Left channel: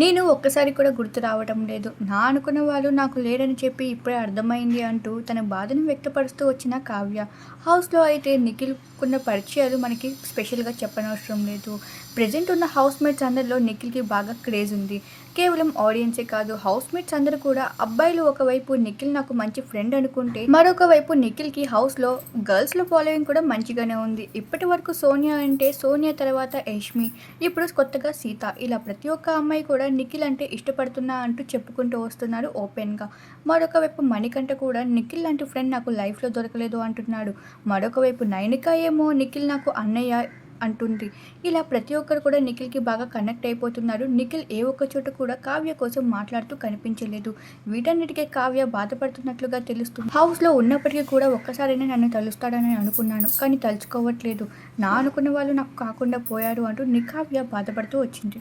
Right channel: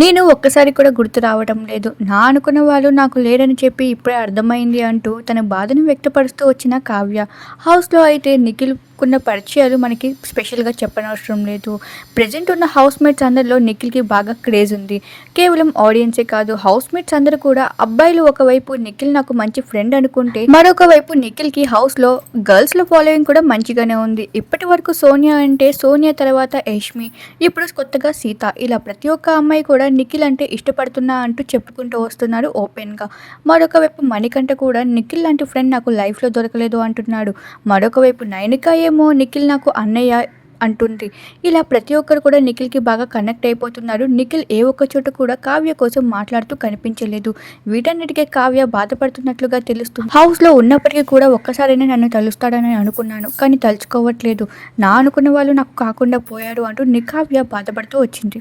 నేను ఒక్కసారి కూడా గుర్తు రావడం లేదు. నా అనుకున్న వాళ్ళు నాకు లేరని చెప్పి ఇప్పుడే అర్థమైంది అంటూ తన బాధను వ్యక్తపరుస్తూ వచ్చిన కావ్య. హౌస్లో అయితే నిఖిల్కున్న పరిచయాలు మనకి స్పెషల్గా చెప్పనవసరం లేదు. ప్రజెంట్ ఉన్న హౌస్ మేట్స్ అందరిలో నిఖిల్కి బాగా క్రేజ్ ఉంది. కేవలం ఆడియన్సే కాదు హౌస్ మేట్స్ అందరూ కూడా అబ్బాయిలు ఒకవైపు నిఖిల్ నాకు మంచి ఫ్రెండ్ అనుకుంటే మరొక వైపు నిఖిల్కి హౌస్లో గర్ల్స్లో ఫాలోయింగ్ కూడా మంచిగానే ఉంది. ఇప్పటి వరకు సోనియా అంటే సోనియా తర్వాత యష్మి ఇప్పుడు కొత్తగా సీత. ఇలా ప్రతి ఒక్క అమ్మాయి కూడా నిఖిల్ అంటే ఇష్టపడుతున్నా అంటూ చెప్పుకుంటూ వస్తున్నాడు ఓపెన్గా. మరొక వైపు మణికంఠ కూడా నిఖిల్ లాంటి ఫ్రెండ్ నాకు లైఫ్లో దొరకలేదు అంటున్నాడు. మరొక వైపు నైనిక ఏమో నిఖిల్ నాకు అన్నయ్య అంటుంది. ఇలా ప్రతి ఒక్కరు కూడా నిఖిల్కి బాగా కనెక్ట్ అయిపోతున్నారు. నిఖిల్ ఏ ఒక్క చోట కూడా కావ్య కోసం మాట్లాడుతూ కనిపించలేదు. వీటన్నిటికీ కావ్య బాధపడుతున్నట్లుగా తెలుస్తుంది. హౌస్లో ఉన్నప్పటికీ కూడా ఒక్కసారైనా నన్ను తలుస్తాడని అనుకున్నాను కానీ తలుచుకోవట్లేదు. నా అనుకున్న వాళ్ళు నాకు కాకుండా పోయారు అంటూ నికావ్య బాధపడుతూ వచ్చింది.